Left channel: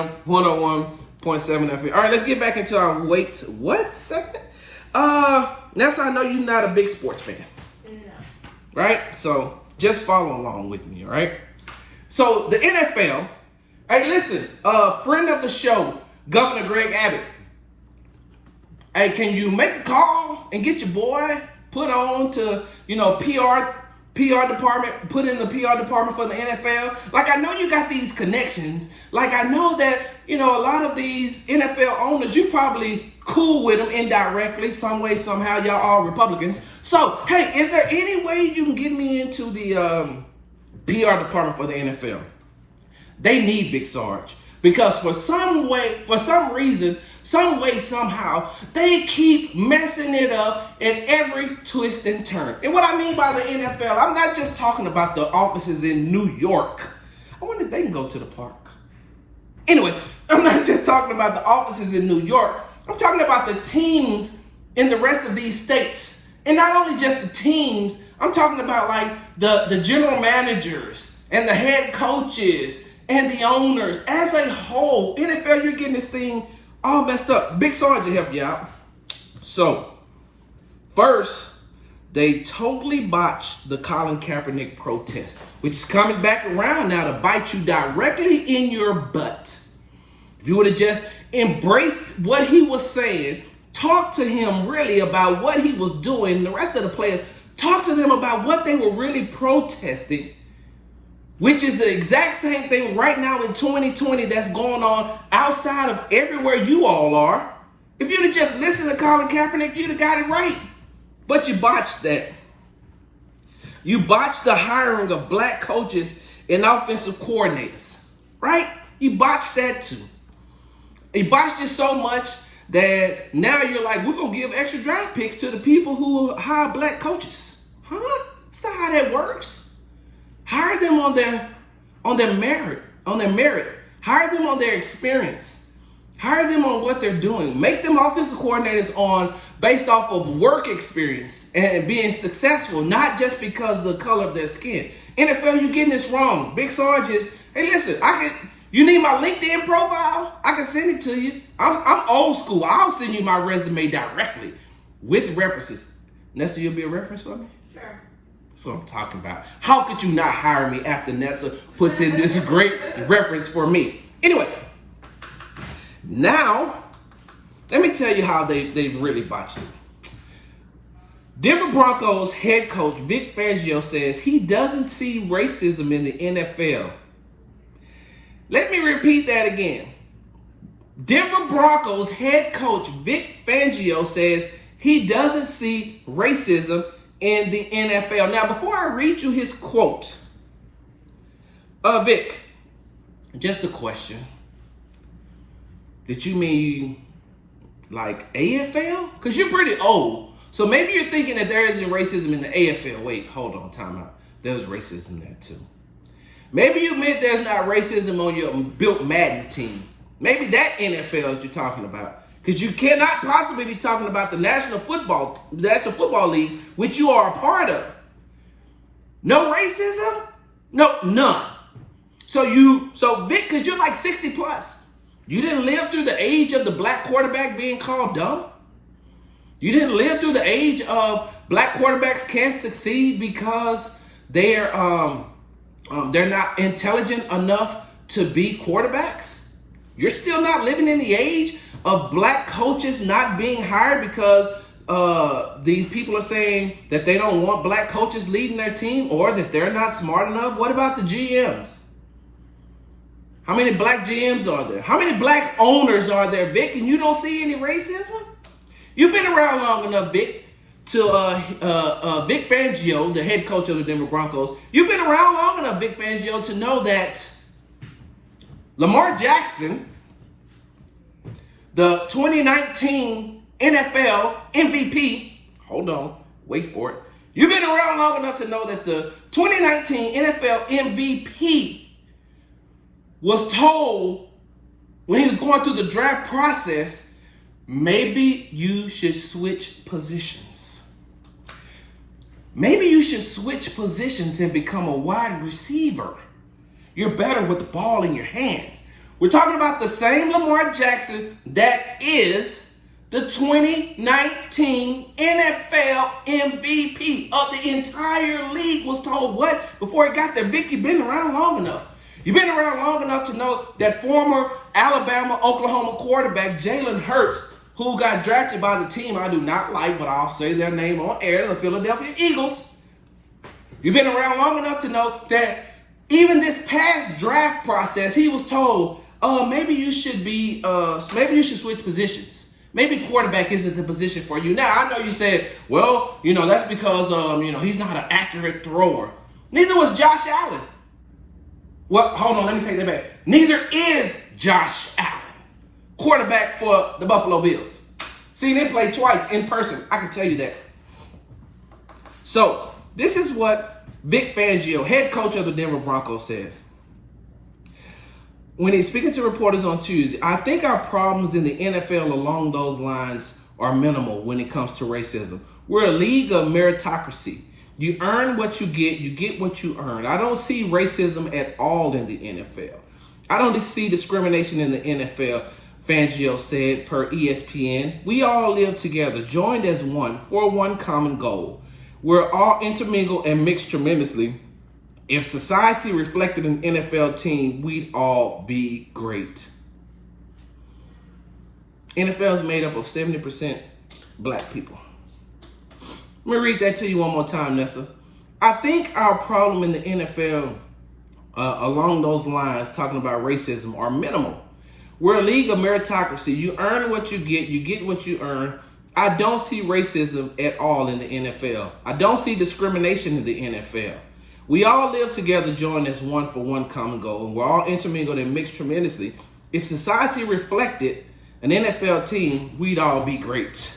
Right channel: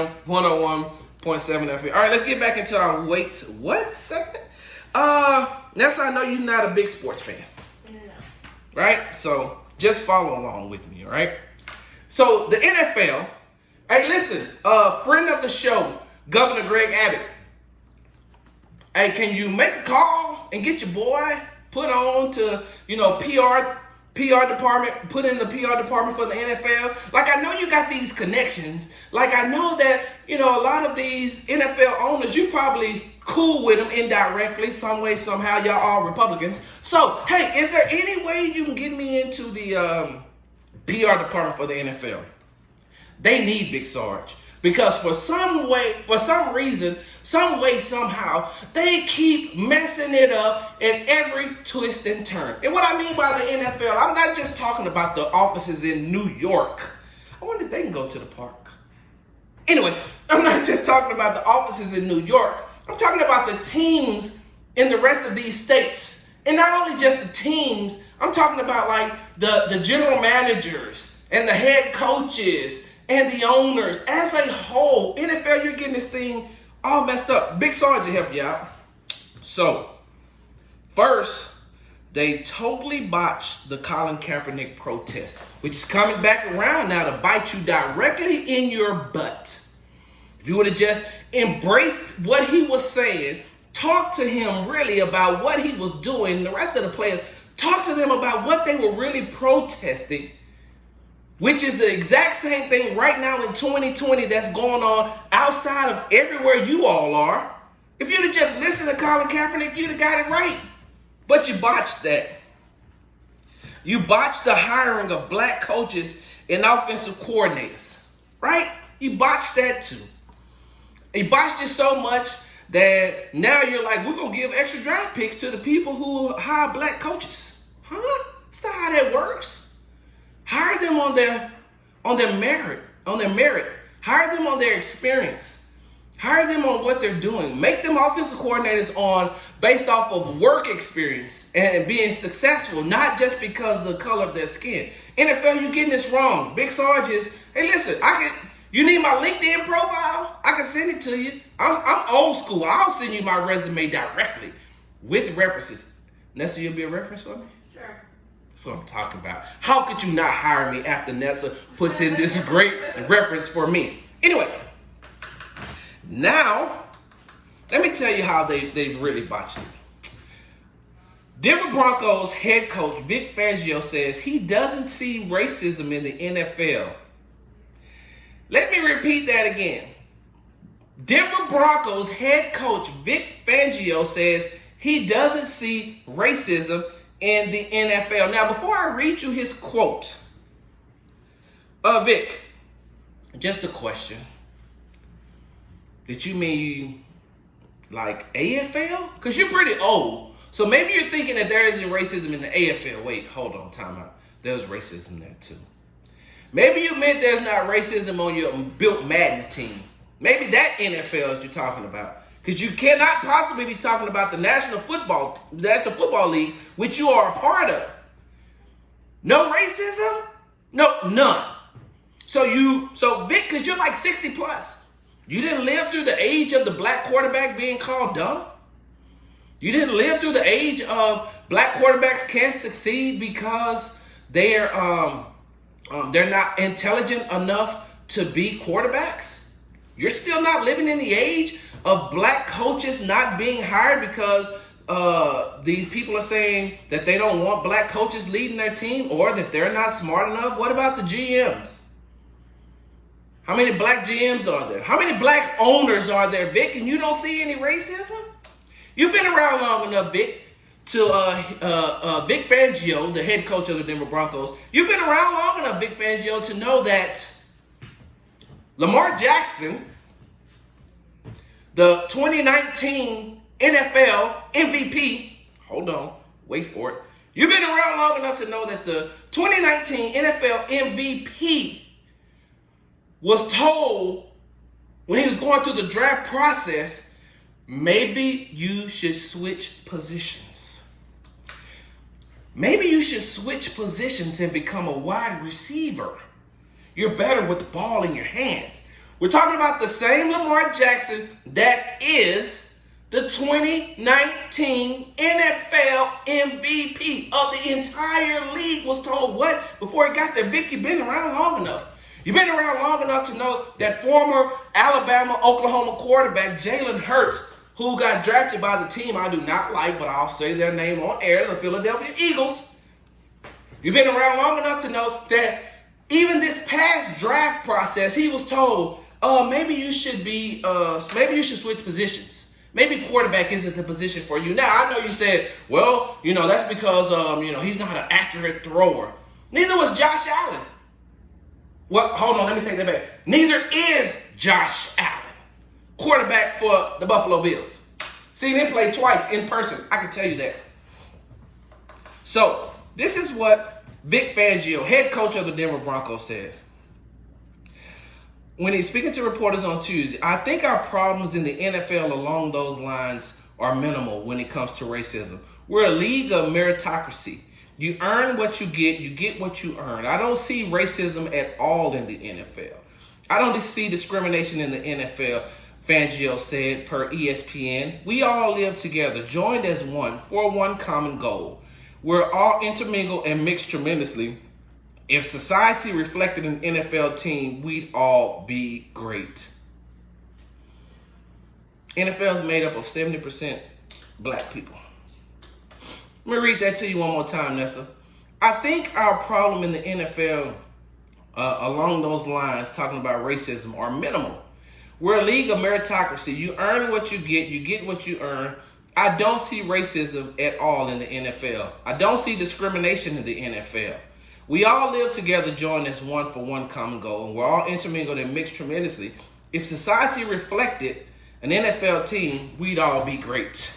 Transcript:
FM 101.7 FM. All right, let's get back into our wait what segment. That's how I know you're not a big sports fan. Yeah. Right? So just follow along with me, all right? So the NFL, hey, listen, friend of the show, Governor Greg Abbott. Hey, can you make a call and get your boy put on to, PR department, put in the PR department for the NFL? Like, I know you got these connections. Like, I know that, a lot of these NFL owners, you probably cool with them indirectly, some way, somehow. Y'all all Republicans. So, hey, is there any way you can get me into the PR department for the NFL? They need Big Sarge. Because for some reason, some way, somehow, they keep messing it up in every twist and turn. And what I mean by the NFL, I'm not just talking about the offices in New York. I wonder if they can go to the park. Anyway, I'm not just talking about the offices in New York. I'm talking about the teams in the rest of these states. And not only just the teams, I'm talking about like the general managers and the head coaches and the owners as a whole. NFL, you're getting this thing all messed up. Big Sarge to help you out. So, first, they totally botched the Colin Kaepernick protest, which is coming back around now to bite you directly in your butt. If you would have just embraced what he was saying, talk to him really about what he was doing, the rest of the players, talk to them about what they were really protesting, which is the exact same thing right now in 2020 that's going on outside of everywhere you all are. If you'd have just listened to Colin Kaepernick, you'd have got it right. But you botched that. You botched the hiring of black coaches and offensive coordinators, right? You botched that too. You botched it so much that now you're like, we're going to give extra draft picks to the people who hire black coaches. Huh? That's not how that works. Hire them on their merit. Hire them on their experience. Hire them on what they're doing. Make them offensive coordinators based off of work experience and being successful, not just because of the color of their skin. NFL, you're getting this wrong. Big Sarge is, hey, listen, you need my LinkedIn profile? I can send it to you. I'm old school. I'll send you my resume directly with references. Nessa, you'll be a reference for me? That's what I'm talking about. How could you not hire me after Nessa puts in this great reference for me? Anyway, now, let me tell you how they've really botched it. Denver Broncos head coach Vic Fangio says he doesn't see racism in the NFL. Let me repeat that again. Denver Broncos head coach Vic Fangio says he doesn't see racism in the NFL. Now, before I read you his quote, Vic, just a question. Did you mean like AFL? Because you're pretty old. So maybe you're thinking that there isn't racism in the AFL. Wait, hold on, time out. There's racism there too. Maybe you meant there's not racism on your Built Madden team. Maybe that NFL that you're talking about. Because you cannot possibly be talking about the National Football League, which you are a part of. No racism? No, none. So Vic, because you're like 60 plus, you didn't live through the age of the black quarterback being called dumb? You didn't live through the age of black quarterbacks can't succeed because they're not intelligent enough to be quarterbacks? You're still not living in the age of black coaches not being hired because these people are saying that they don't want black coaches leading their team or that they're not smart enough? What about the GMs? How many black GMs are there? How many black owners are there, Vic, and you don't see any racism? You've been around long enough, Vic, to Vic Fangio, the head coach of the Denver Broncos. You've been around long enough, Vic Fangio, to know that Lamar Jackson, the 2019 NFL MVP, hold on, wait for it. You've been around long enough to know that the 2019 NFL MVP was told when he was going through the draft process, maybe you should switch positions. Maybe you should switch positions and become a wide receiver. You're better with the ball in your hands. We're talking about the same Lamar Jackson that is the 2019 NFL MVP of the entire league. Was told what? Before he got there, Vic, you've been around long enough. You've been around long enough to know that former Alabama, Oklahoma quarterback Jalen Hurts, who got drafted by the team I do not like, but I'll say their name on air, the Philadelphia Eagles. You've been around long enough to know that even this past draft process, he was told, maybe you should switch positions. Maybe quarterback isn't the position for you. Now, I know you said, well, that's because, he's not an accurate thrower. Neither was Josh Allen. Well, hold on, let me take that back. Neither is Josh Allen, quarterback for the Buffalo Bills. See, they played twice in person. I can tell you that. So, this is what Vic Fangio, head coach of the Denver Broncos, says. When he's speaking to reporters on Tuesday, I think our problems in the NFL along those lines are minimal when it comes to racism. We're a league of meritocracy. You earn what you get what you earn. I don't see racism at all in the NFL. I don't see discrimination in the NFL, Fangio said per ESPN. We all live together, joined as one, for one common goal. We're all intermingled and mixed tremendously. If society reflected an NFL team, we'd all be great. NFL is made up of 70% black people. Let me read that to you one more time, Nessa. I think our problem in the NFL along those lines, talking about racism, are minimal. We're a league of meritocracy. You earn what you get what you earn. I don't see racism at all in the NFL. I don't see discrimination in the NFL. We all live together, joined as one for one common goal, and we're all intermingled and mixed tremendously. If society reflected an NFL team, we'd all be great.